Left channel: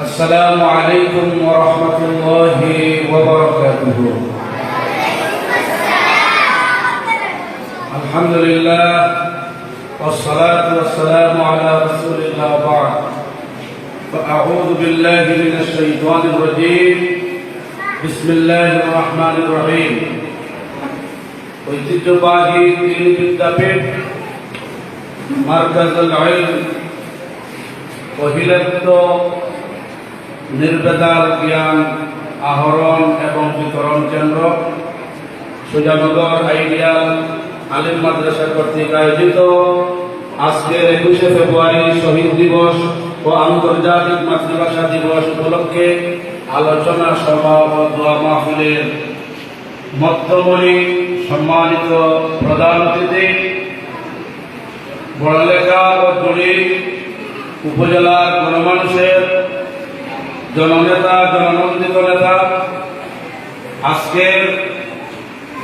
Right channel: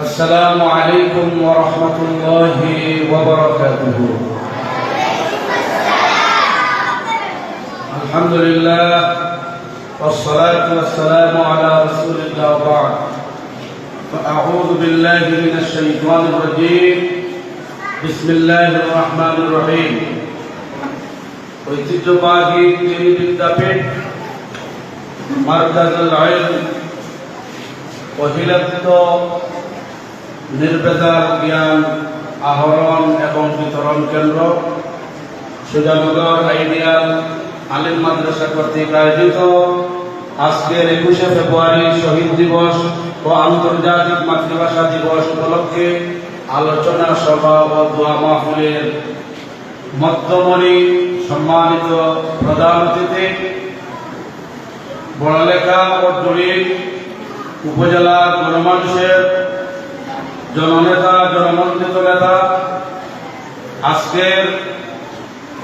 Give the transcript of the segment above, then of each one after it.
السلام عليكم ورحمة الله وبركاته الحمد لله والصلاة والسلام على رسول الله بعد فأعوذ بالله من الشيطان الرجيم بسم الله الرحمن الرحيم ঐতিহ্যবাহী তিন বিদ্যাপীঠ মার্কাজুল ইলম অহিলাত্ম নির্বেদাল জ্ঞান, আহরণ এবং বিতরণ কেন্দ্র সুজানগর আইডিয়াল আলিম মাদ্রাসা কর্তৃক আয়োজিত আজকের একুশে ফেব্রুয়ারি শহীদ দিবস ও আন্তর্জাতিক মাতৃভাষা দিবস উপলক্ষে আলোচনা, সভা ও দোয়া মাহফিলের মধ্যমণি সম্মানিত প্রধান অতিথি, বড়লেখা ও জড়ি উপজেলার গণমানুষের জননেতা জননন্দিত নেতা, আজকের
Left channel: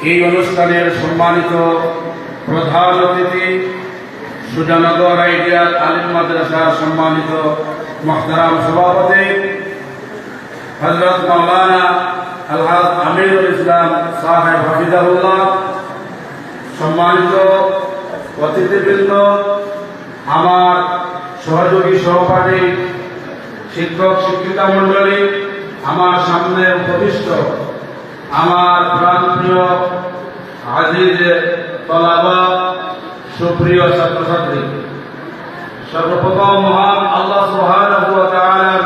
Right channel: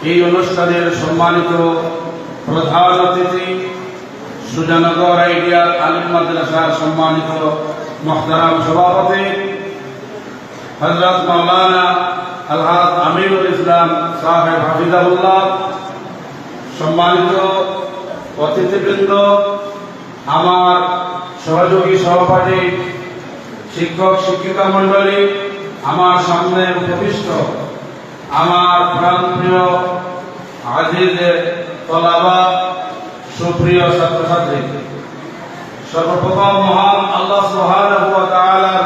এই অনুষ্ঠানের সম্মানিত প্রধান অতিথি, সুজানগর আইডিয়ার আলিম মাদ্রাসার সম্মানিত মহতারাম সভাপতি হজরত মৌলানা আলহাদ আমিরুল ইসলাম সাহেব হাফিজাহুল্লাহ, সম্মানিত অতিথিবৃন্দ, আমার সহযোগী সহপাঠী, শিক্ষক, শিক্ষিকা মণ্ডলী, আমার সামনে উপবিষ্ট, আমার প্রাণপ্রিয়, আজিজ তলাবা, সুপ্রিয় ছাত্রছাত্রী। সর্বপ্রথম মহান আল্লাহ তাআলার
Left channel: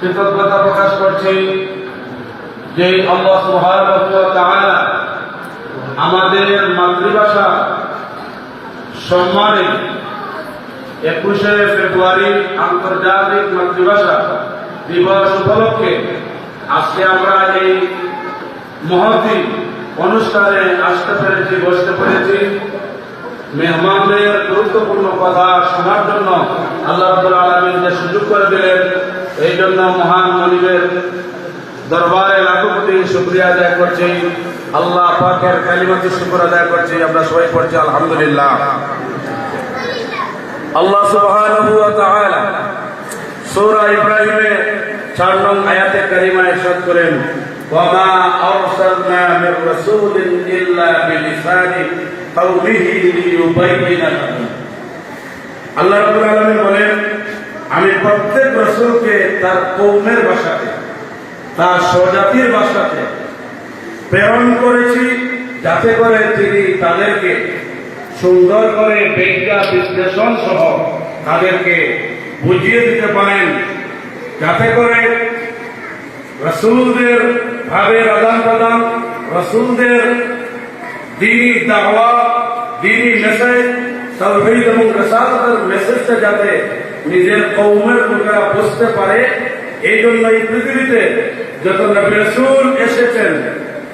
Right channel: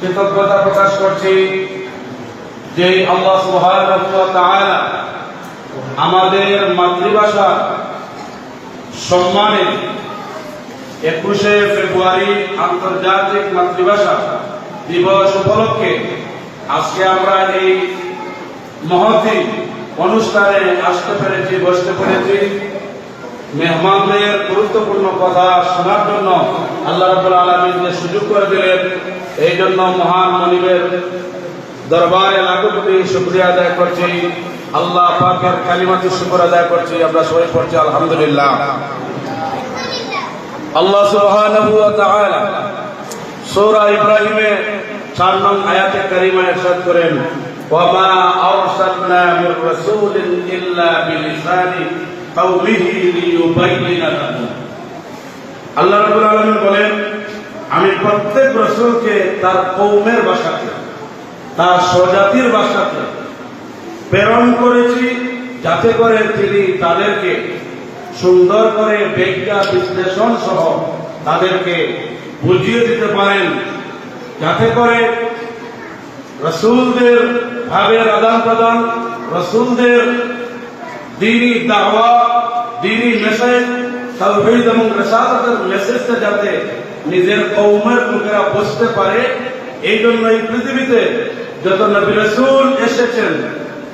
কৃতজ্ঞতা প্রকাশ করছি যে আল্লাহ তাআলা আমাদের মাতৃভাষা সম্মানে একুশে ফেব্রুয়ারি আন্তর্জাতিক মাতৃভাষা দিবস উপলক্ষে আজকে আমরা এই মহতি অনুষ্ঠানে আসতে পেরেছি, বসতে পেরেছি। মেহমানদের গুরুত্বপূর্ণ কথা শোনার জন্য আল্লাহ রাবুল আলমিন যে সুযোগ করে দিলেন, এই জন্য মহান মনিবের দরবারে লাখো শুক্রিয়া আদায় করছি। আল্লাহ পাকের কালিমাতি শুক্র আদায় করছি। আমরা সবাই পড়ছি, আলহামদুলিল্লাহ। আল্লাহ সুবহানাহু ওয়া তাআলা সূরা ইব্রাহিমে 4 নং আয়াতে কারিমা ইরশাদ করেন ওয়া মা আরসালনা মির রাসূলিন ইল্লা বিলিসানি কওমিহি লাহুম আল্লাহ রাব্বুল আলামিন বলেন, আমি প্রত্যেক রাসূলকে তার কওমের ভাষাতে, তার স্বজাতির ভাষাতে প্রেরণ করেছি যাতে করে তিনি তাদেরকে সুন্দর করে ব্যাখ্যা বিশ্লেষণ সহ তাদেরকে বুঝিয়ে দিতে পারেন। যাতে করে রসুলদের ভাবের আদান প্রদান, রসুলদের দিনী দাওয়া, দিনী মেসেজ তাওহীদ এবং রেসালতের মেসেজটা যাতে নিজের কৌমের লোকেরা বুঝতে পারে, এই জন্য এই পৃথিবীতে যত নবী রসুল এসেছেন,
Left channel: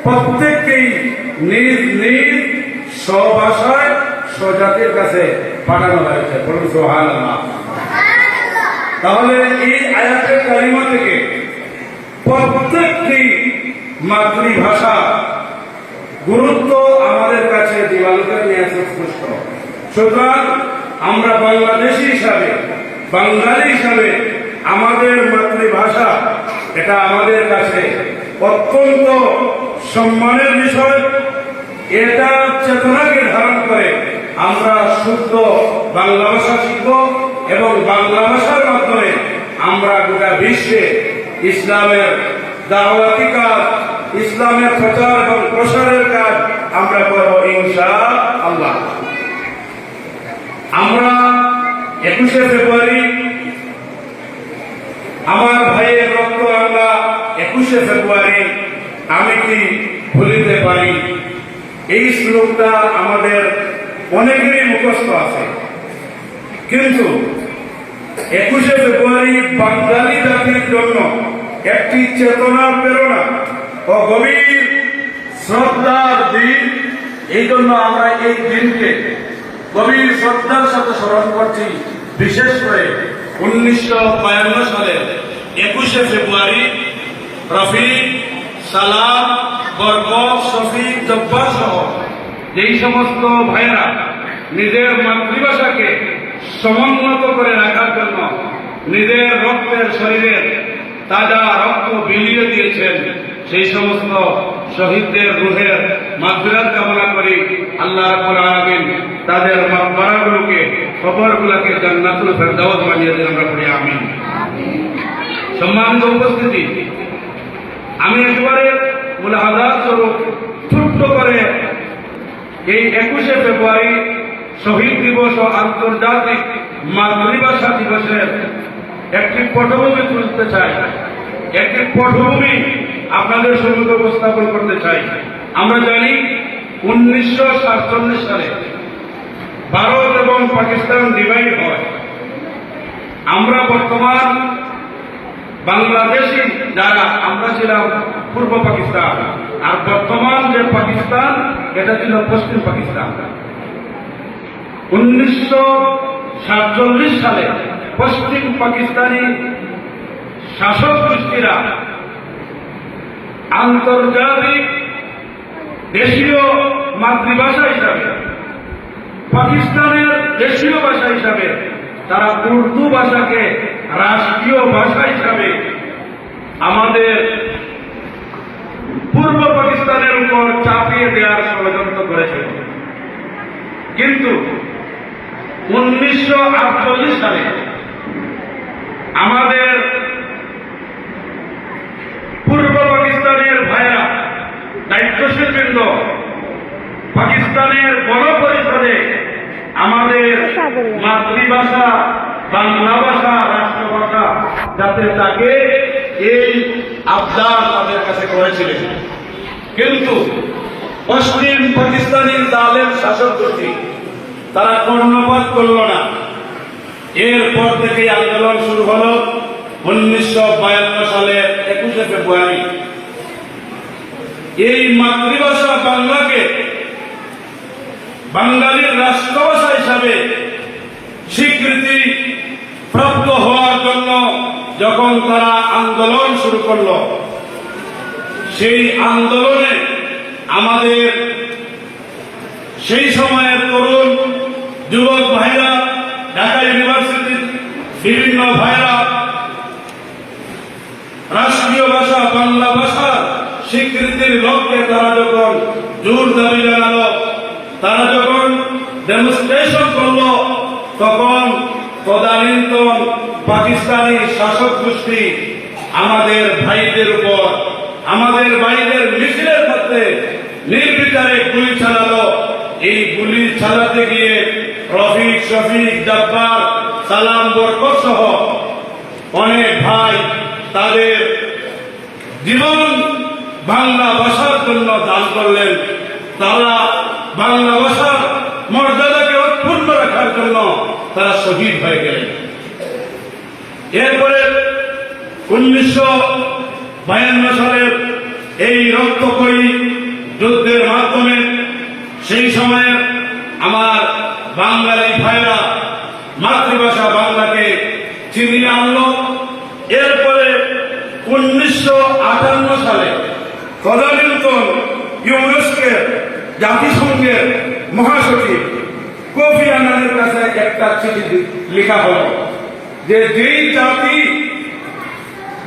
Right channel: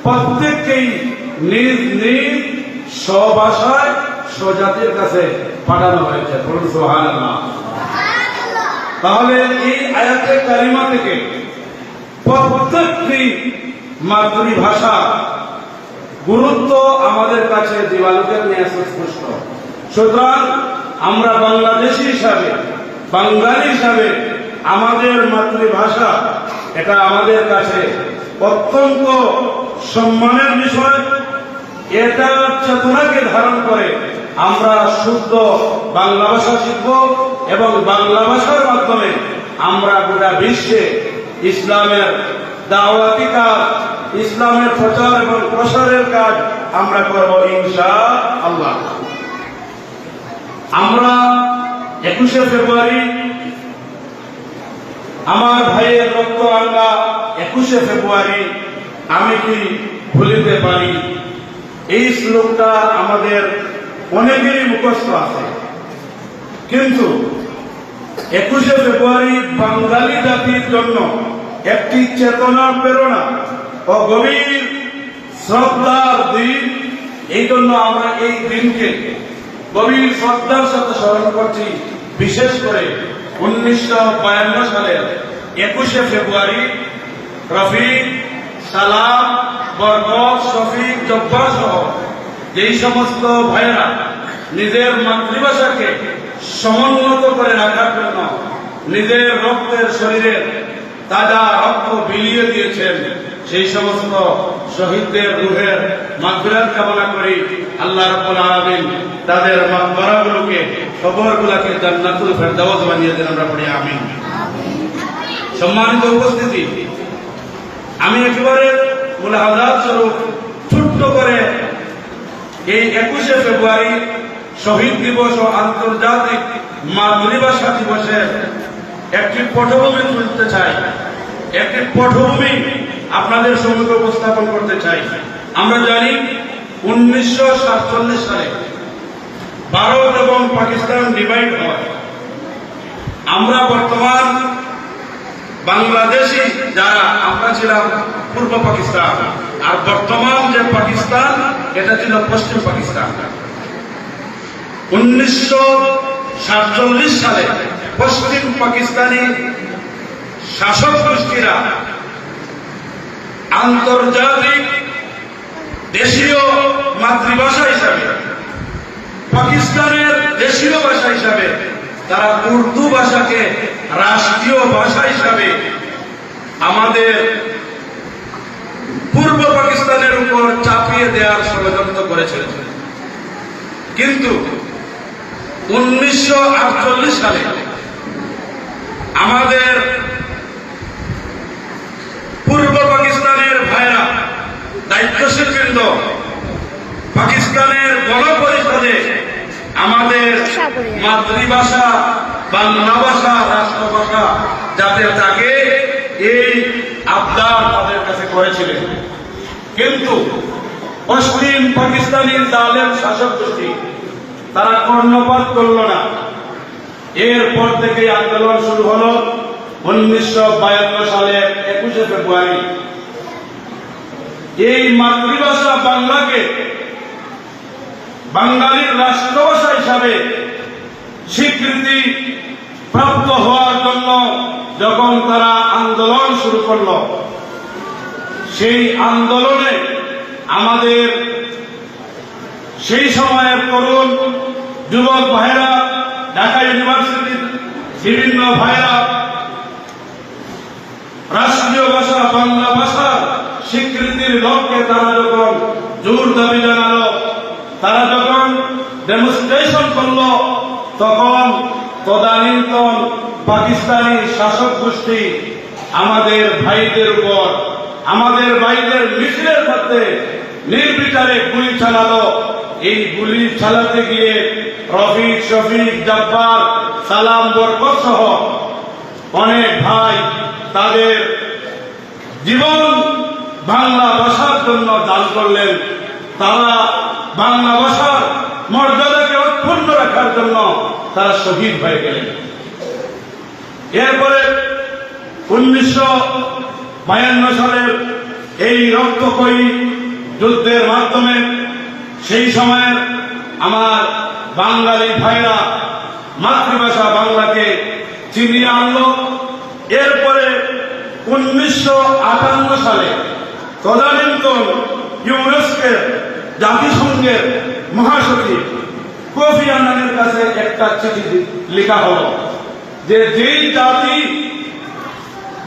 প্রত্যেককেই নিজ নিজ স্বভাষায় স্বজাতির কাছে পাঠানো হয়েছে। বলুন, সুবহানাল্লাহ। তাহলে এই আয়াতের কালিমা থেকে প্রত্যেকটি মাতৃভাষা গুরুত্ব আমাদের কাছে দিবালোকের নিয়ে আসে স্পষ্ট। সুতরাং আমরা বাংলাদেশি হিসাবে, বাঙালি হিসাবে আমাদের মাতৃভাষা এটা আমাদের কাছে অত্যন্ত সম্মানের বিষয়। এটা চেতনাকে ধারণ করে আমরা শুদ্ধ বাংলা ভাষা শিখব এবং বাংলা ভাষার মাধ্যমে আমরা গোটা বিশ্বে ইসলামের দাওয়াতি কাজ, ইসলামের প্রচার এবং প্রসারের কাজ আমরা করব ইনশা আল্লাহ আমরা একুশে ফেব্রুয়ারি, আমার ভাইয়ের রক্ত আমরা একুশে ফেব্রুয়ারি, আমি কি ভুলিতে পারি? এই শ্লোকটা আমাদের অনেকেরই মুখস্থ আছে। কিন্তু একুশে ফেব্রুয়ারি বাঙালি জাতির জন্য একটি চেতনা, প্রেরণা ও গভীর শ্রদ্ধার দিন। এই জন্য আমরা এই দিনকে গভীর শ্রদ্ধার সাথে স্মরণ করছি। বিশেষ করে উনিশশো বায়ান্ন সালের একুশে ফেব্রুয়ারি রফি সালাম, বরকত, শফিক, জব্বার সহ যেই সমস্ত ভাইয়েরা নিজের মাতৃভাষাকে সমুন্নত করে রাখার জন্য নিজের রক্তের শরীরের তাজা রক্ত বিলিয়ে দিয়েছেন, সেই সমস্ত শহীদদের রুহের মাগফিরাত কামনা করি। আল্লাহ রাব্বুল আলামিন তাদের মাকবারাগুলোকে কবরগুলোকে জান্নাতুল ফেরদাউস বানিয়ে দেন আমরা পড়ি, আমিন। সম্মানিত উপস্থিতি, আমি একবারে মুলাহাজাত স্বরূপ, ছোট্ট করে এই একুশে ফেব্রুয়ারি শহীদ দিবস ও আন্তর্জাতিক মাতৃভাষা দিবসের একটি পটভূমি তুলতে চাই। একটি পটভূমি আপনাদের সম্মুখে উপস্থাপন করতে চাই। আমরা জানি উনিশশো সাতচল্লিশ সালে ভারত এবং পাকিস্তান ডিভাইড হয়। আমরা বর্তমান বাংলাদেশি যারা, আমরা ছিলাম পূর্ব পাকিস্তান। আর বর্তমান যে পাকিস্তান, এটা ছিল পশ্চিম পাকিস্তান। উনিশশো সাতচল্লিশ সালে পশ্চিম পাকিস্তানি শাসক গোষ্ঠীরা আন্তর্জাতিক দেশীয় মাতৃভাষা হিসাবে, পাকিস্তানের দেশীয় ভাষা হিসাবে, তারা উর্দু ভাষাকে রাষ্ট্রীয় ভাষা হিসাবে আমাদের উপর চাপিয়ে দেওয়ার ষড়যন্ত্র করেছিল কিন্তু উনিশশো সালে আমাদের পূর্ব পাকিস্তানের ভাইরা দায়িত্বশীল বৃন্দ পাকিস্তানের গণপরিষদে আমাদের মাতৃভাষা, বাংলা ভাষা, রাষ্ট্রভাষা যাতে তাকে এই আবদার তাদের কাছে করেছিলেন। কিন্তু পশ্চিম পাকিস্তানের দালের শাসক গোষ্ঠী, তারা কর্ণপাত করল না। এরপর থেকে আন্দোলন শুরু হলো উনিশশো বায়ান্ন সালে একুশে ফেব্রুয়ারি। এই মাতৃভাষা বাংলাকে বাঙালির রাষ্ট্রভাষা হিসাবে স্বীকৃতি প্রাপ্ত হওয়ার জন্য যখন তারা আন্দোলন শুরু করল সেই আন্দোলনে আমাদের সেই সময়ের তরুণ যুবক ভাইরা, ঢাকা ইউনিভার্সিটির বিভিন্ন ভাইরা, রাষ্ট্রীয় ভাষা, বাংলা ভাষার স্বীকৃতির লক্ষ্যে তারা যখন জোর দাবি জানালো, তারা যখন ডেমনস্ট্রেশন করল, তখন তদানীন্তন পাকিস্তানি শাসক গোষ্ঠী আমাদের ভাইদের উপর আমাদের বাইরের মিছিলের মধ্যে নির্বিচারে গুলি চালালো। এই গুলি চালাতে গিয়ে রফিক, শফিক, জব্বার, সালাম, বরকত সহ অনেক ভাই তাদের জীবন বাংলা ভাষার জন্য দান করলেন। তারা বাংলা ভাষার মর্যাদাকে অক্ষুণ্ণ রাখার জন্য তারা শহীদ হয়ে গেলেন। এরপরে উনিশশো বায়ান্ন সালের এই রক্তকরী যুদ্ধের মাধ্যমে সেই সময়ের আমার বাঙালি ভাইরা মাতৃভাষা বাংলাকে চিনিয়ে আনলো। এরপরে উনিশশো আটান্ন সালে তদানীন্তন ইউনেস্কের জাতিসংঘের মহাসচিব কফি আনানের কাছে একটা চিঠি লেখা হলো যে যেই জাতি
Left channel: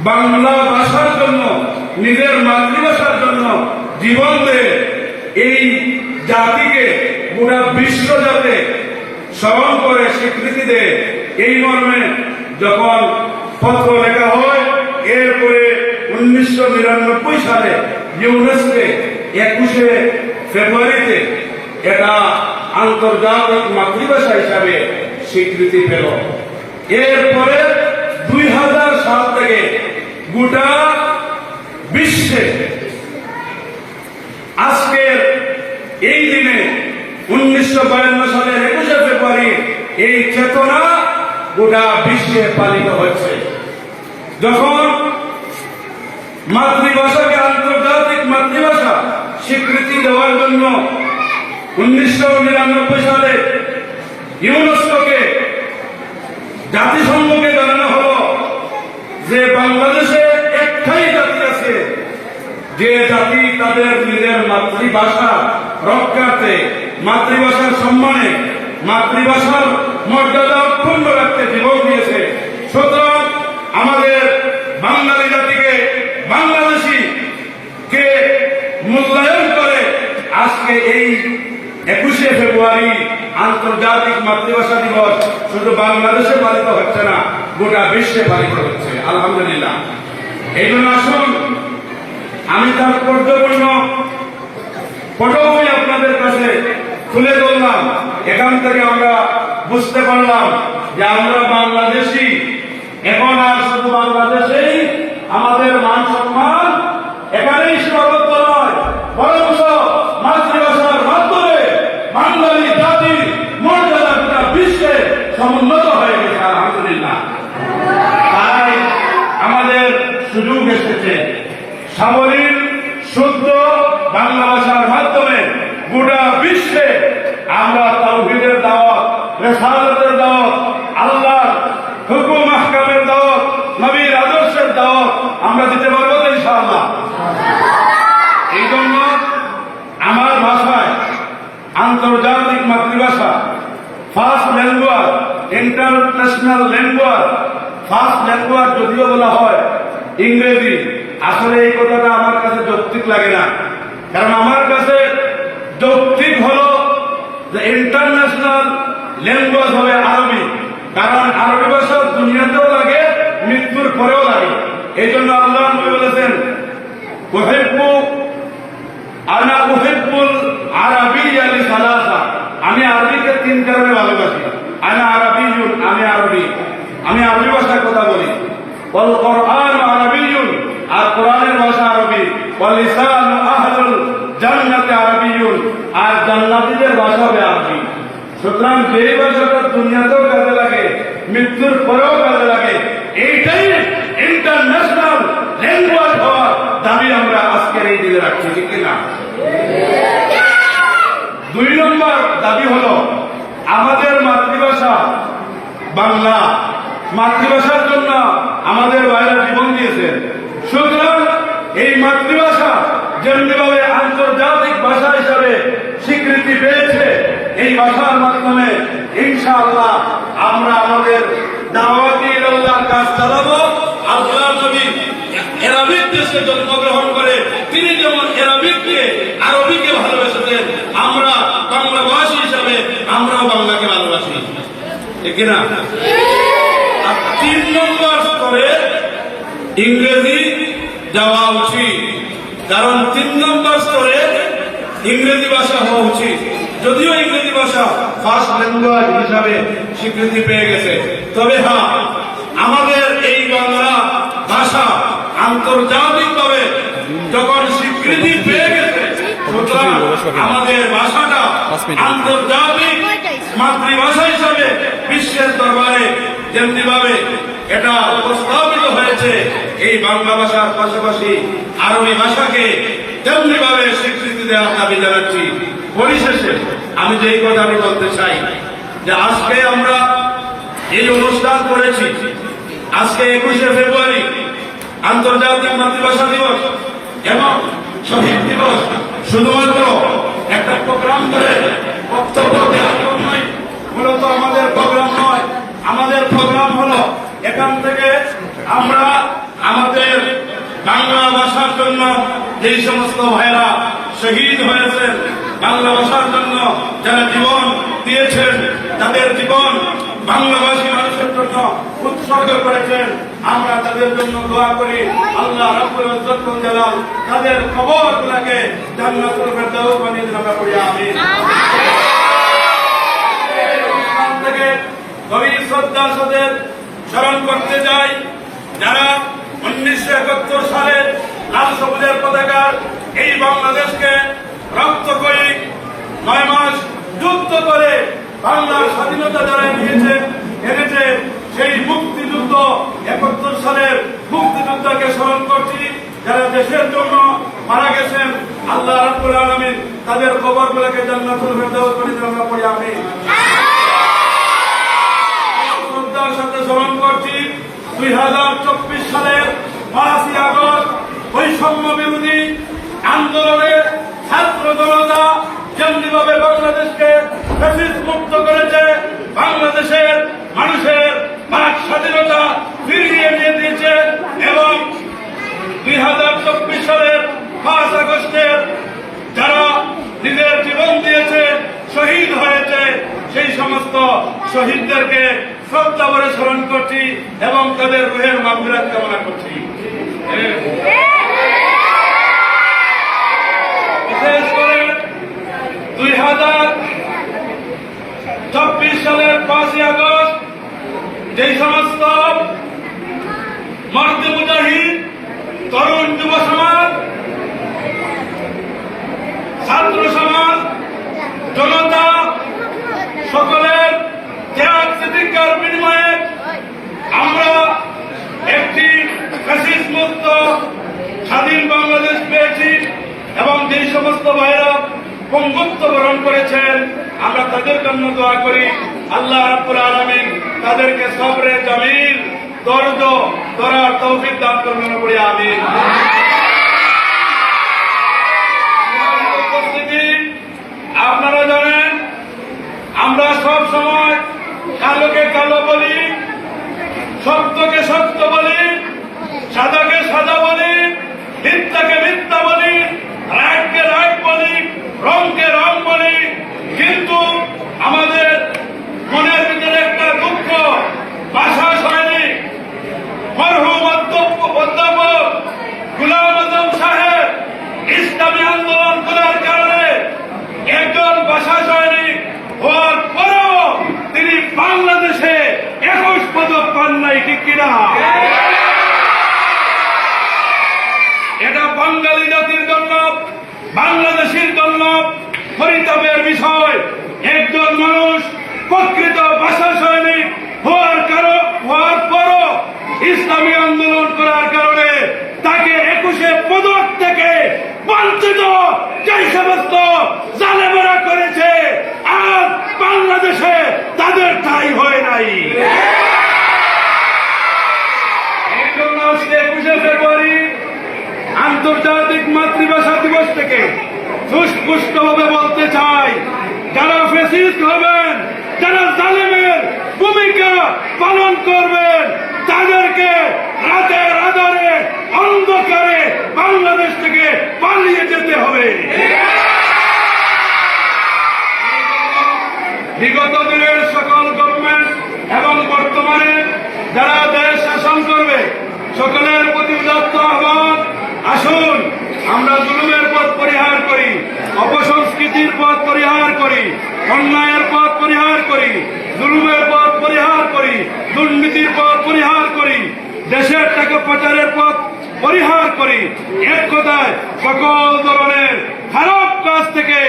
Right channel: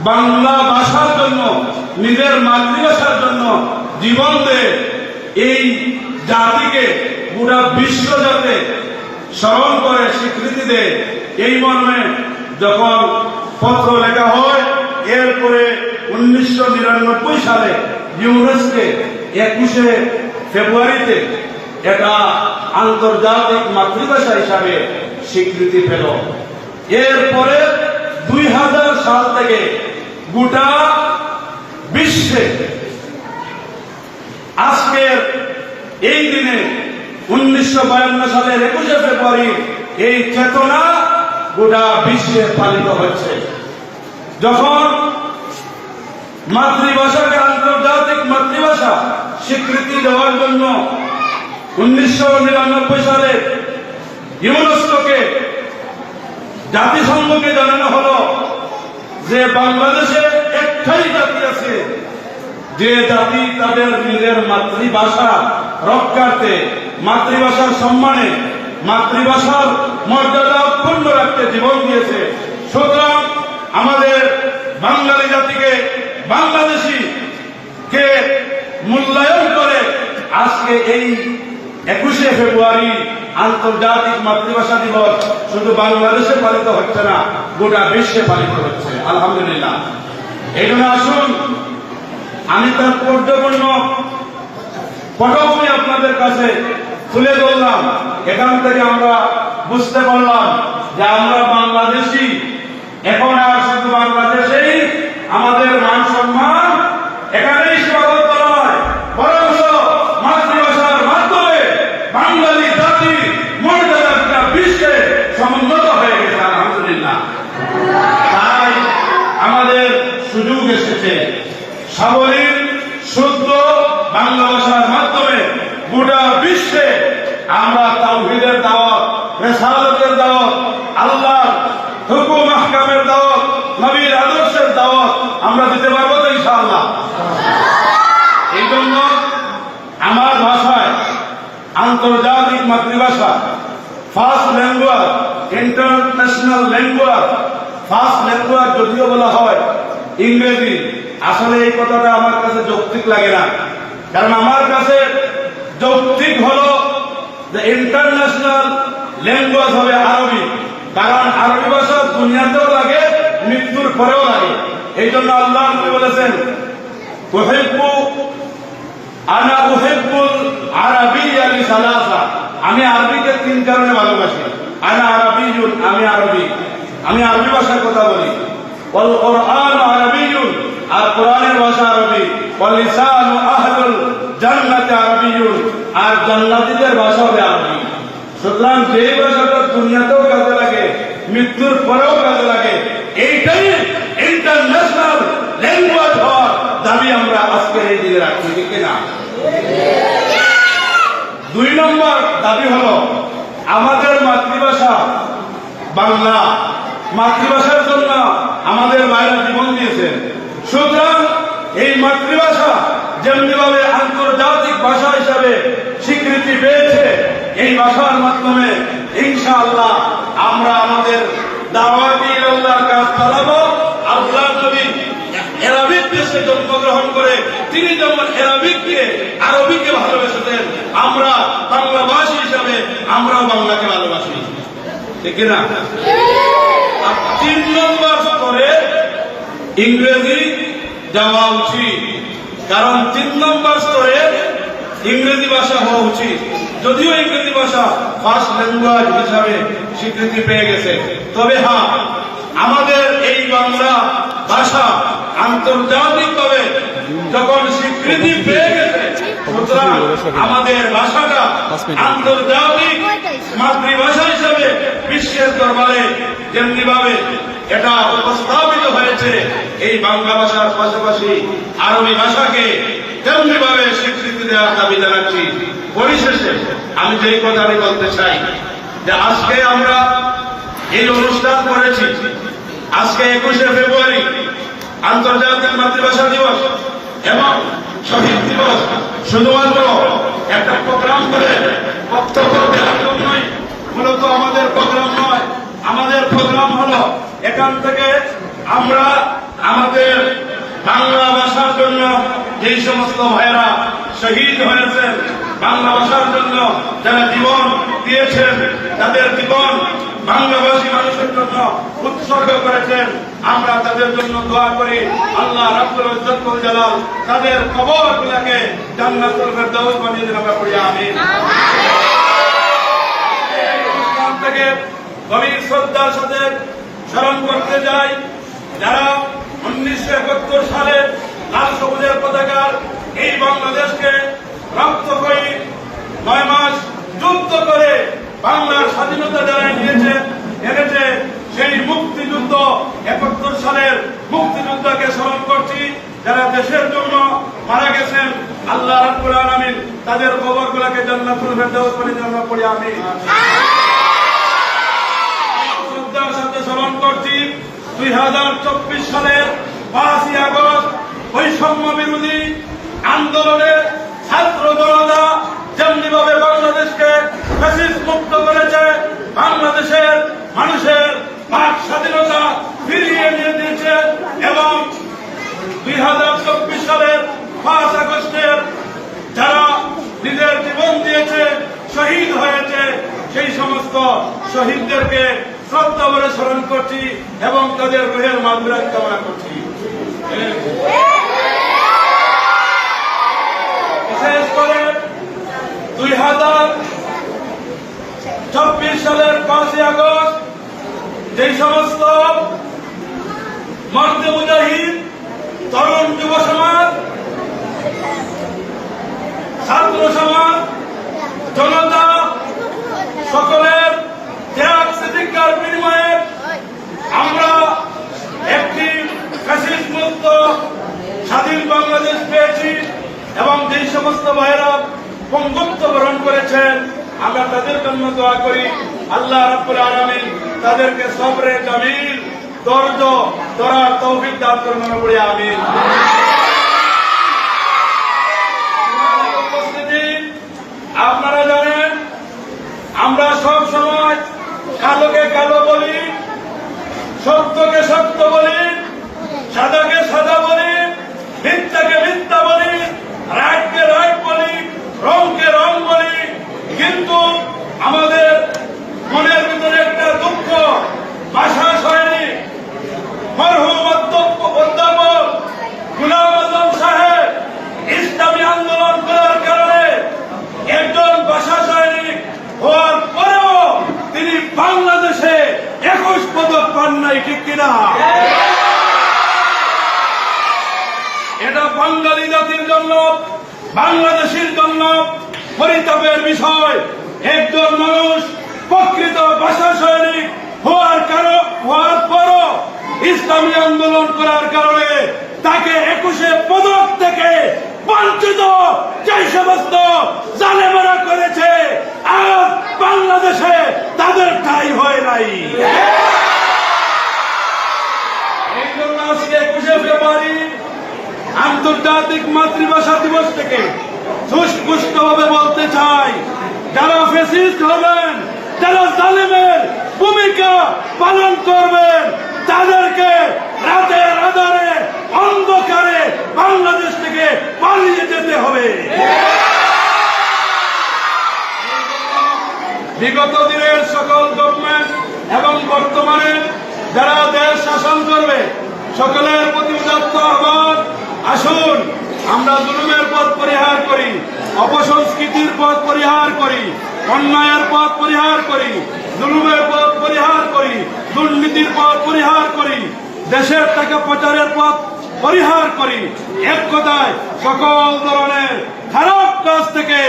বাংলা ভাষার জন্য, নিজের মাতৃভাষার জন্য জীবন দেয় এই জাতিকে গোটা বিশ্ব যাতে স্মরণ করে স্বীকৃতি দেয়। এই মর্মে যখন পত্র লেখা হয়, এরপরে উনিশশো নিরানব্বই সালে ইউনেস্কে একুশে ফেব্রুয়ারিতে এটা আন্তর্জাতিক মাতৃভাষা হিসাবে স্বীকৃতি পেল। এরপরে দুই হাজার সাল থেকে গোটা বিশ্বে আজকের এই দিনে উনিশশো বায়ান্ন সালের একুশে ফেব্রুয়ারি এই চেতনা গোটা বিশ্বে পালিত হচ্ছে যখন মাতৃভাষাকে আন্তর্জাতিক মাতৃভাষা স্বীকৃতি দেওয়ার জন্য উনিশশো নিরানব্বই সালে ইউনেস্কোকে জাতিসংঘকে জানানো হলো যে বাংলাদেশে একটাই জাতি আছে। যে জাতি তাদের নিজের মাতৃভাষা রক্ষার্থে, মাতৃভাষার সম্মানে, মাতৃভাষার মর্যাদা অক্ষুণ্ণ রাখতে জীবন দিয়েছে। সুতরাং আমাদের বাঙালি জাতিকে বাংলাদেশি কে মূল্যায়ন করে আজকে এই একুশে ফেব্রুয়ারি আন্তর্জাতিক মাতৃভাষা দিবস। শুধু বাংলাদেশে পালিত হচ্ছে না, গোটা বিশ্বে পালিত হচ্ছে। আলহামদুলিল্লাহ। এই জন্য আসুন, আমি তার পর্যপূর্ণ পটভূমি আপনাদের কাছে তুলে ধরলাম। এখান থেকে আমরা বুঝতে পারলাম যে আমরা বাংলাদেশি। এখন আর শুধু বাংলাদেশেই আমাদের মান সম্মান এখানেই সীমাবদ্ধ নয় বরং মাতৃভাষার মাধ্যমে বাঙালি জাতি মর্যাদা গোটা বিশ্বে সমুন্নত হয়ে গেছে আলহামদুলিল্লাহ তাই আমাদের সুযোগ এসেছে সাবলীল শুদ্ধ বাংলা ভাষার মাধ্যমে গোটা বিশ্বে আমরা তাওহীদের দাওয়াত, রেসালাতের দাওয়াত আল্লাহ হুকুম আহকামের দাওয়াত, নবীর আদর্শের দাওয়াত আমরা দিতে পারব তো ইনশাআল্লাহ? এই জন্য আমার ভাষায় আন্তর্জাতিক মাতৃভাষা first language international language first language যদিও বলা হয় ইংরেজি আসলে এই কথাটা আমার কাছে যৌক্তিক লাগে না। কারণ আমার কাছে যৌক্তিক হলো যে ইন্টারন্যাশনাল ল্যাঙ্গুয়েজ হবে আরবি। কারণ আরবি ভাষা দুনিয়াতেও লাগে, মৃত্যুর পরেও লাগে। এই জন্য আল্লাহ নবী বলেছেন, উহিব্বু আনা উহিব্বুল আরাবিয়্যা লিসালাসা। আমি আরবিকে তিন কারণে ভালোবাসি। আনা আরাবিয়ুন, আমি আরবি। আমি আরবি ভাষায় কথা বলি। ওয়াল কোরআন আরাবিয়ুন আর কোরআনের ভাষা আরবি। ওয়াল লিসানু আহলুল জান্নাতি আরাবিয়ুন। আর জান্নাতীদের ভাষা হবে আরবি। সুতরাং যে ভাষাটা দুনিয়াতেও কাজে লাগে, মৃত্যুর পরেও কাজে লাগে, এইটাই ইন্টারন্যাশনাল ল্যাঙ্গুয়েজ হওয়ার দাবি আমরা আজকের এই দিনে রাখছি, ঠিক না? দুই নম্বর দাবি হলো, আমাদের মাতৃভাষা বাংলা। মাতৃভাষার জন্য আমাদের বাইরে জীবন দিয়েছেন। সুতরাং এই মাতৃভাষা যেমনিভাবে আন্তর্জাতিক ভাষা হিসাবে স্বীকৃতি পেয়েছে, এই ভাষার মাধ্যমে ইনশাআল্লাহ আমরা আমাদের কাজ চালাবো। করে, তিনি যেমন আমরা হিসাবে, আমরাও বাংলাকে ভালোবাসি। ঠিক তিন নম্বর স্তরে ইংরেজি যাওয়া উচিত। কারণ তিন নম্বর স্তরে ইংরেজি ভাষা হওয়া উচিত। যদিও ইংরেজি ভাষা ফার্স্ট ল্যাঙ্গুয়েজ হিসাবে স্বীকৃতি পেয়ে গেছে। তবে হ্যাঁ আমাদের এই বাংলা ভাষা আন্তর্জাতিকভাবে যখন স্বীকৃতি পেয়ে গেছে সুতরাং আমাদের ভাষাটা আন্তর্জাতিক মাতৃভাষা হিসাবে বিশ্বের দরবারে যেমনি ভাবে এটা উপস্থাপিত হয়েছে এই বাংলা ভাষার পাশাপাশি আরবি ভাষাকে তেমনি ভাবে স্বীকৃতি দেওয়ার দাবি জানাচ্ছি। পরিশেষে আমি যে কথাটি বলতে চাই, যে আজকে আমরা এই অনুষ্ঠান করেছি। আজকে একুশে ফেব্রুয়ারি, আন্তর্জাতিক মাতৃভাষা দিবস এবং শহীদ দিবস। শুধুমাত্র একটা প্রোগ্রাম করে বক্তব্য জন্যই মূলত আমাদের প্রোগ্রাম নয়, আমাদের প্রোগ্রাম হলো এখান থেকে আমরা আমাদের বাংলা ভাষার জন্য যে সমস্ত ভাইয়েরা শহীদ হয়েছেন, বাংলা ভাষার জন্য যারা জীবন দিয়েছেন, তাদের জীবন বাংলাভাষী মানুষের জন্য উৎসর্গ করেছেন, আমরা তাদের জন্য দোয়া করি, আল্লাহ জালাল তাদের কবরগুলোকে জান্নাতুল ফেরদাউস বানিয়ে দিন আমরা থেকে গভীর শ্রদ্ধার সাথে স্মরণ করতে যাই যারা উনিশশো একাত্তর সালের লাল সবুজের পতাকার এই বাংলাদেশকে রক্ত করে নয় মাস যুদ্ধ করে বাংলার স্বাধীনতা যারা নিয়েছে এনেছে সেই মুক্তিযুদ্ধ একাত্তর সালের মুক্তিযুদ্ধকে স্মরণ করছি। যারা দেশের জন্য মারা গেছেন আল্লাহ রাব্বুল আলামিন তাদের খবরগুলোকে জান্নাতুল ফেরদাউস করে আমরা পড়ি আমি শ্রদ্ধার সাথে স্মরণ করছি দুই হাজার চব্বিশ সালের পাঁচই আগস্ট বৈষম্য বিরোধী আন্দোলনে ছাত্র জনতা যেমনিভাবে বাংলাদেশকে মুক্ত করেছে, বাংলাদেশের মানুষের বাক স্বাধীনতা ফিরিয়ে এনে দিয়েছে এবং দুই হাজার চব্বিশ সালের পাঁচ আগস্টের যারা নিজের জীবন দিয়েছে, শহীদ হয়েছে, সেই সমস্ত শহীদদেরকে শ্রদ্ধা বলে স্মরণ করছি এবং তাদের রুহের মাগফিরাত কামনা করছি। বিশেষ করে দুই হাজার চব্বিশ সালের পাঁচই আগস্ট যেই সমস্ত মর্দ মুজাহিদ তরুণ যুব সমাজ, ছাত্র সমাজ, জনতা, সকলের ত্যাগ প্রতিজ্ঞার বিনিময়ে আমরা একটি মুক্ত স্বাধীন বাংলাদেশ পেয়েছি এবং যেই সমস্ত ভাইরা পঙ্গুত্ব বরণ করেছেন, আমরা তাদের জন্য দোয়া করি। আল্লাহ রাব্বুল আলামিন তাদেরকে সবরে জামিল, দর্দ তরার তৌফিক দান করবেন বলে, আমিন। উপস্থিতি, আপনারা জানেন, আমরা সব সময় কালোকে কালো বলি সত্যকে সত্য বলি, সাদাকে সাদা বলি, মিথ্যাকে মিথ্যা বলি, রাগকে রাগ বলি, রংকে রং বলি, কিন্তু আমাদের মনের ভিতরে একটা দুঃখ শৈলী মরহুম অধ্যাপক গুলাম আজম সাহেব ইসলামী আন্দোলন করার কারণে একজন বাসা সৈনিক হওয়ার পরেও তিনি বাংলাদেশে একুশ পদক পান নাই, ঠিক কিনা? এটা বাঙালি জাতির জন্য, বাংলাদেশের জন্য পরিতাপের বিষয়। একজন মানুষ প্রকৃত ভাষা সৈনিক হওয়ার কারণ হওয়ার পরও ইসলামী আন্দোলন করার কারণে তাকে একুশে পদক থেকে বঞ্চিত যে সমস্ত জালেমারা করেছে, আজ বাংলাদেশে তাদের ঠাই হয় নাই। একুশে ফেব্রুয়ারি আন্তর্জাতিক মাতৃভাষা দিবস থেকে সুস্পষ্ট ভাবে বলতে চাই, যারা ফেসিস্ট হবেন, যারা জালেমের ভূমিকা পালন করবেন তাদেরকে রাতের আধারে অন্ধকারে বাংলাদেশ থেকে পালিয়ে যেতে হবে। বিগত দিনের সকল গভর্নমেন্ট এবং বর্তমানে যারা দেশ শাসন করবে, সকলের প্রতি উদাত্ত আহ্বান, আসুন আমরা জুলুমের পথ পরিহার করি, অপসংস্কৃতির পথ পরিহার করি, অন্যায়ের পথ পরিহার করি। জুলুমের পথ পরিহার করি, দুর্নীতির পথ পরিহার করি, দেশের টাকা পাচারের পথ পরিহার করি। এক কথায়, সকল ধরনের খারাপ কাজ থেকে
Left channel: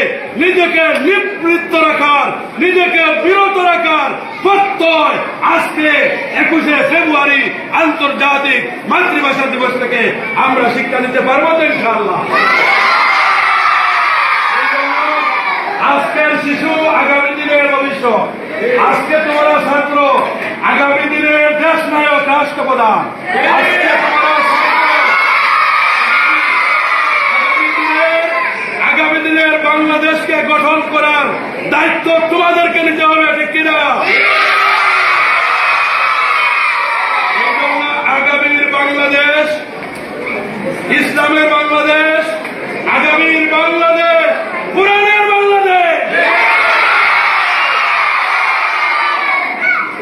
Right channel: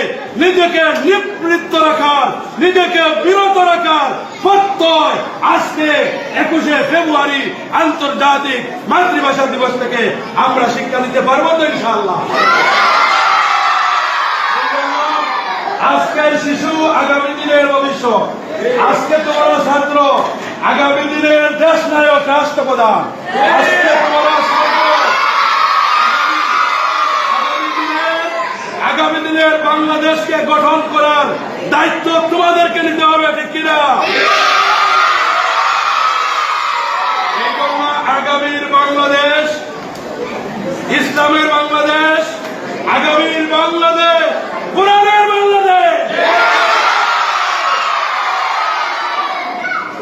নিজেকে নিবৃত্ত রাখার, নিজেকে বিরত রাখার প্রত্যয় আজকে একুশে ফেব্রুয়ারি আন্তর্জাতিক মাতৃভাষা দিবস থেকে আমরা শিক্ষা নিতে পারব তো ইনশাআল্লাহ। আজকের শিশু আগামী দিনের ভবিষ্যৎ। আজকে তোমরা ছাত্র, আগামী দিনের দেশ নায়ক রাষ্ট্রপ্রধান। আজকে তোমরা আগামী দিনের- বাংলাদেশকে গঠন করার দায়িত্ব তোমাদেরকে নিতে হবে, ঠিক কিনা? আগামীর বাংলাদেশ, ইসলামের বাংলাদেশ, আগামীর বাংলাদেশ পুরাণের বাংলাদেশ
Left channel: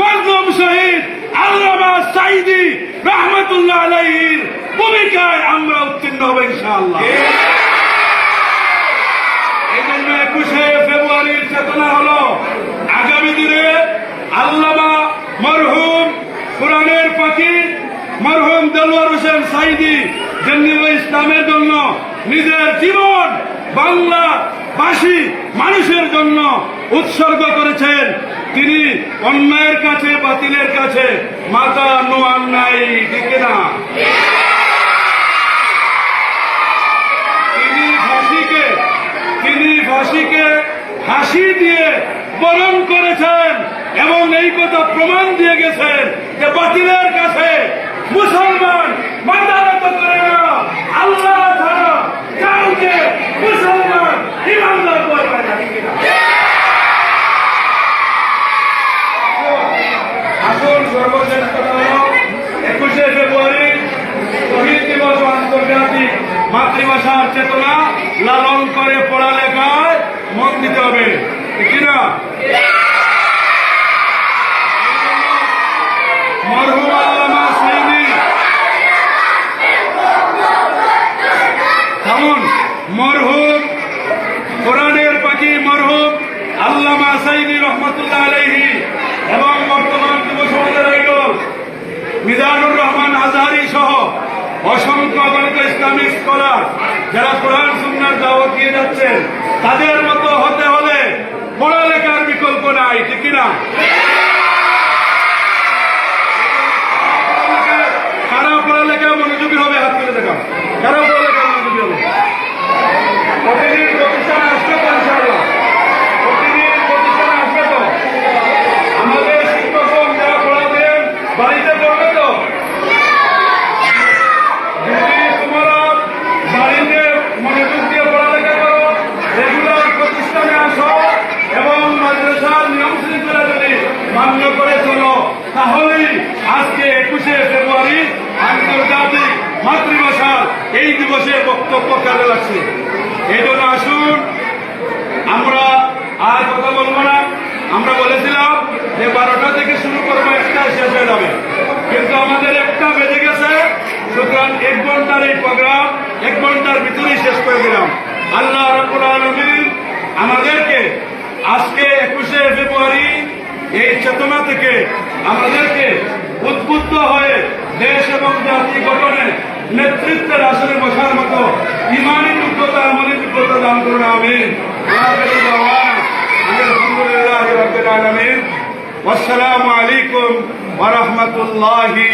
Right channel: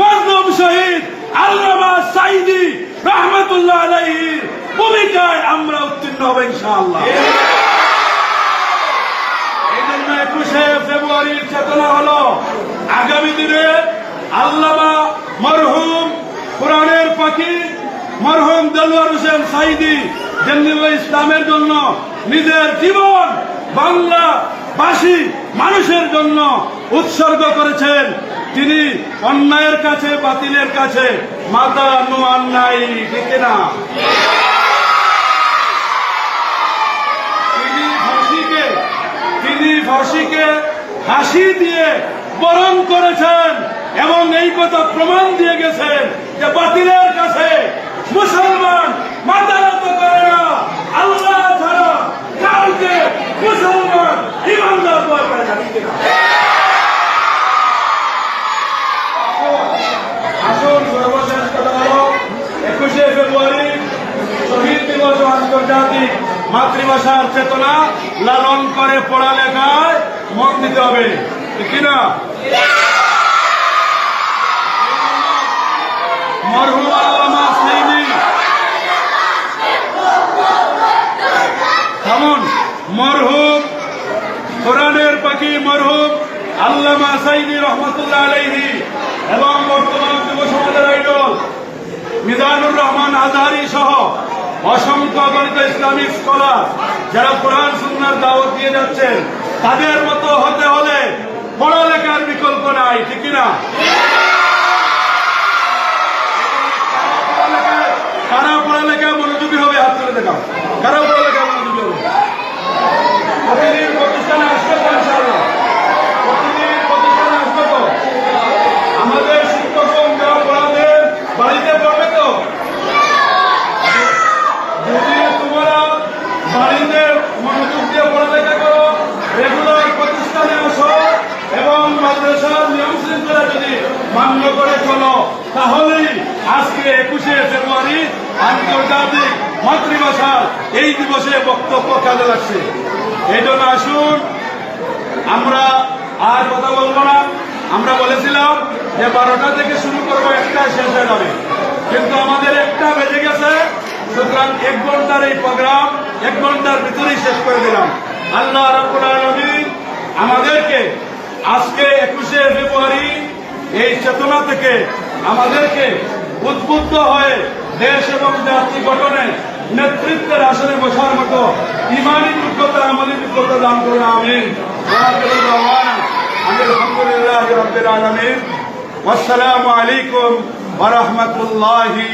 মজলুম শহীদ আল্লামা সাইদি রহমতুল্লাহ আলাইহির ভূমিকায় আমরা উত্তীর্ণ হব ইনশাআল্লাহ। একুশে ফেব্রুয়ারির চেতনা হলো, আগামী দিনে আল্লামা মরহুম কোরআনের পাখি, মরহুম দেলোয়ার হোসেন সাইদি যেমনি ইসলামের জন্য নিজের জীবন বাংলাবাসী মানুষের জন্য উৎসর্গ করেছেন তিনি অন্যায়ের কাছে, বাতিলের কাছে মাতা নোয়ান নাই, ঠিক না তিনি ফাঁসিকে তিনি ফাঁসিকে হাসি দিয়ে বরণ করেছেন এবং এই কথা প্রমাণ দিয়ে গেছেন যে বাতিলের কাছে মুসলমান মাথা নত করে না, আল্লাহ ছাড়া কাউকে মুসলমান ইমানদার ভয় পায় না ঠিক কিনা? আসুন সর্বশেষ কথা হলো একুশে ফেব্রুয়ারি শহীদ দিবস ও আন্তর্জাতিক মাতৃভাষার চেতনা লালন করে পড়ালেখায় মন দিতে হবে। কিনা মরহুম কোরআনের পাখি মরহুম আল্লামা সাইনি রহমতুল্লাহ আলাইহি এবং বর্তমান যুব সমাজের আইডল মিজানুর রহমান আজহারি সহ অসংখ্য অগণিত ইসলামিক স্কলার যারা কোরআন সুন্নার দাওয়াত দিয়ে যাচ্ছেন, তাদের মতো হতে হলে পড়ালেখার বিকল্প নাই, ঠিক না কারা পড়ালেখা মনোযোগী হবে? হাত তুলে দেখাও। কারা পড়ালেখা মনোযোগী হবে প্রতিদিন প্রতিষ্ঠানে আসবে তো ইনশাআল্লাহ? প্রতিদিন প্রতিষ্ঠানে আসবে তো আমাদের শিক্ষকগণ যারা পড়াতেন বাড়িতে পড়বে তো যদি তোমরা বাড়িতে মনোযোগ দিয়ে পড়ালেখা করো রেগুলার প্রতিষ্ঠানে আসো এবং মাদ্রাসার নিয়ম শৃঙ্খলা যদি মান্য করে চলো তাহলেই আজকে একুশে ফেব্রুয়ারি আন্তর্জাতিক মাতৃভাষার এই দিবসে বক্তব্য কাজে লাগছে। এই জন্য আসুন, আমরা আর কথা বলব না। আমরা বলেছিলাম যে বারোটা থেকে শুরু করব একটা শেষ হয়ে যাবে। কিন্তু আমাদের একটা বেজে গেছে। সুতরাং এক ঘণ্টার এই প্রোগ্রাম, এক ঘণ্টার ভিতরেই শেষ করে দিলাম। আল্লাহ রব্বুল আলমিন আমাদেরকে আজকে একুশে ফেব্রুয়ারি এই চেতনা থেকে আমাদেরকে উদ্বুদ্ধ হয়ে দেশ এবং জাতি গঠনে নেতৃত্বের আসনে বসার মতো ইমানি যোগ্যতা আমাদের যোগ্যতা দান করুন আমি ওয়াসসালামু আলাইকুম ওয়া রাহমাতুল্লাহি